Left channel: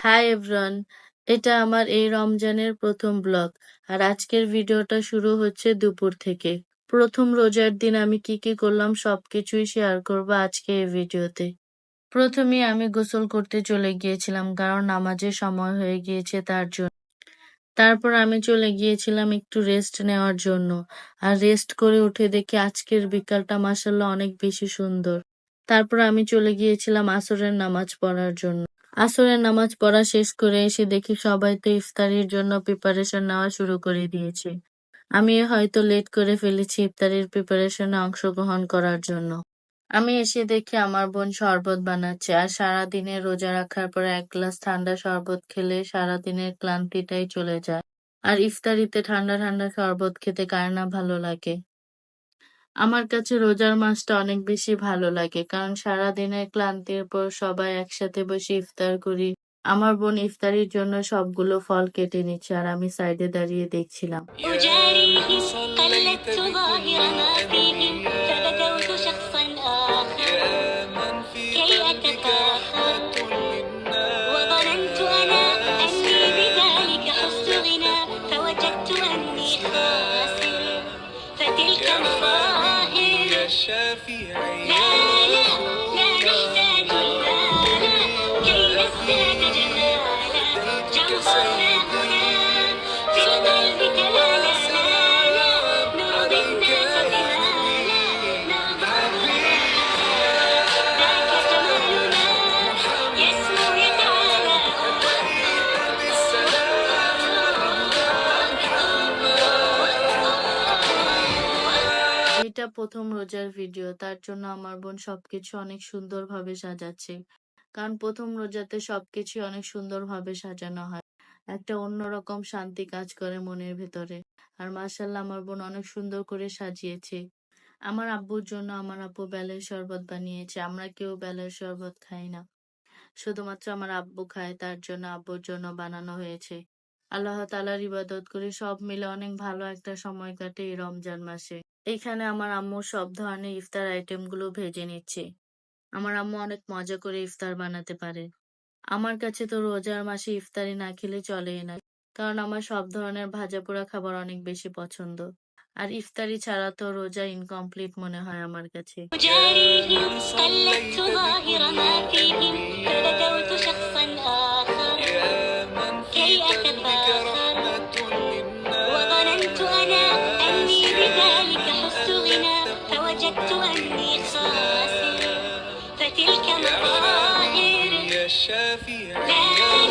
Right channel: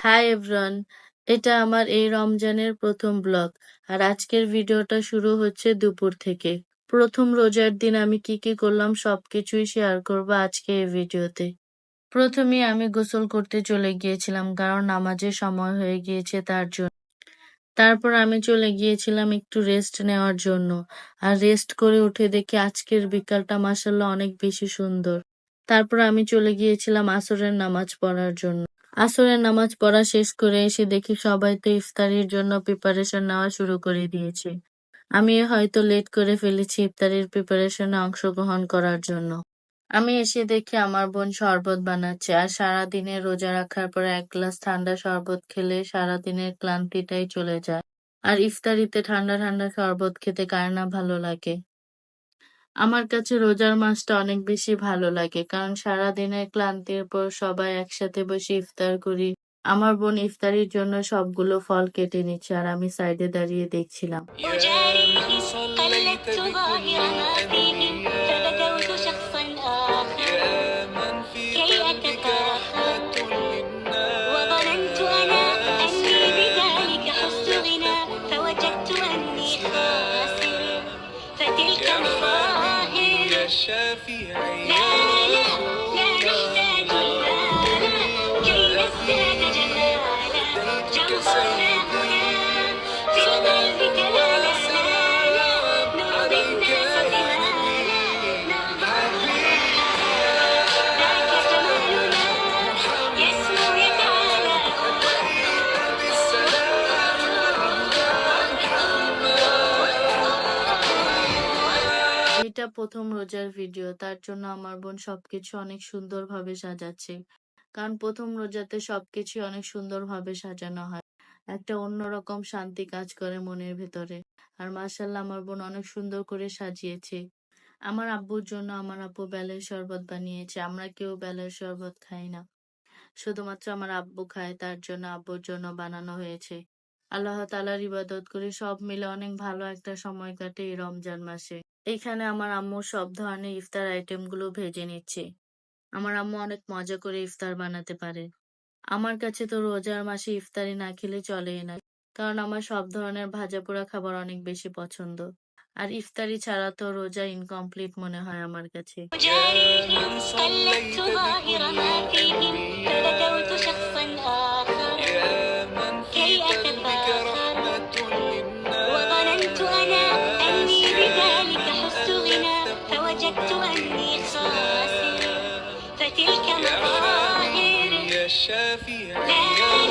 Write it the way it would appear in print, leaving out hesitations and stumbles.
Hi everyone, এটা আমার এই রমজানের প্রথম ব্লগ। আর আজকের ভিডিওটা শুরু হচ্ছে দুপুর থেকে। প্রথম রোজার দিন আমি কি কি করলাম সবকিছুই শেয়ার করব আজকে এই ভিডিওতে। প্রথমে আমি গোসল করতে চলে গিয়েছিলাম, কারণ নামাজের সময় হয়ে গিয়েছে তার জন্য। তারপর আমি চলে গিয়েছিলাম একটু রেস্ট নেওয়ার জন্য। আর রেস্ট করে উঠে দেখি আজকের বিকালটা মাশাআল্লাহ অনেক বেশি সুন্দর। তারপর আমি চলে গিয়েছিলাম আসরের নামাজ পড়ার জন্য। আসরের নামাজ পড়া শেষ করে এসে দেখি সবাই তো ইফতারির জন্য প্রিপারেশন নেওয়া শুরু করে দিয়েছে। আমি হয়তো লেট করে ফেলেছি ইফতারির প্রিপারেশনে অংশগ্রহণ করার জন্য। আমি এসে দেখি আমার বোন শরবত বানাচ্ছে, আর সারাদিনের রোজা রাখার পর এক গ্লাস ঠান্ডা শরবত খেলে সারাদিনের ক্লান্তিটাই চলে যায়। আর ইফতারিতে ঠান্ডা ঠান্ডা শরবত খেতে কার না ভালো লাগে। আমার কাছে রোজার মাসটা অনেক বেশি ভালো লাগে, কারণ সারাদিনের ক্লান্তির পর সবাই একসাথে বসে ইফতার করি। আমার বোন ইফতারির জন্য সবগুলো ফল কেটে নিচ্ছে, আর আমি সাইডে দাঁড়িয়ে দেখছিলাম। এটা প্রথম রোজার ভিডিও, তার জন্য আমার বোন সবকিছু অনেক সুন্দরভাবে সাজাচ্ছে। কারণ প্রথম রোজাতে সবকিছু অনেক সুন্দরভাবে সাজানো হয়। একটা অন্যরকম শান্তি কাজ করে মনের ভেতরে। আর মাশাআল্লাহ আমার বোন অনেক সুন্দর করে সাজিয়েছে। আমার আব্বুর জন্য আমার আব্বু বেলের শরবত বানিয়েছে। আমরা কেউ বেলের শরবত খাই না, শুধুমাত্র আমার আব্বু খায়, তার জন্য আব্বুর জন্য বানানো হয়েছে। আল্লাহ তাআলার ইবাদত করে সব মিলে অনেক ভালো একটা সময় কাটে এই রমজান মাসে। এইখানে আমার আম্মু সব ধরনের ইফতার আইটেম গুলো ভেজে নিচ্ছে। আমার আম্মু অনেক মজা করে ইফতার বানাতে পারে। আমার কাছে তো রোজার মাসে ইফতারি না খেলে চলেই না, কারণ আমার সব ধরনের ভাজা পোড়া খাবার অনেক বেশি পছন্দ। আর ইফতারি ছাড়া তো রোজা ইনকমপ্লিট মনে হয় আমার কাছে। فتلك مظاهر لا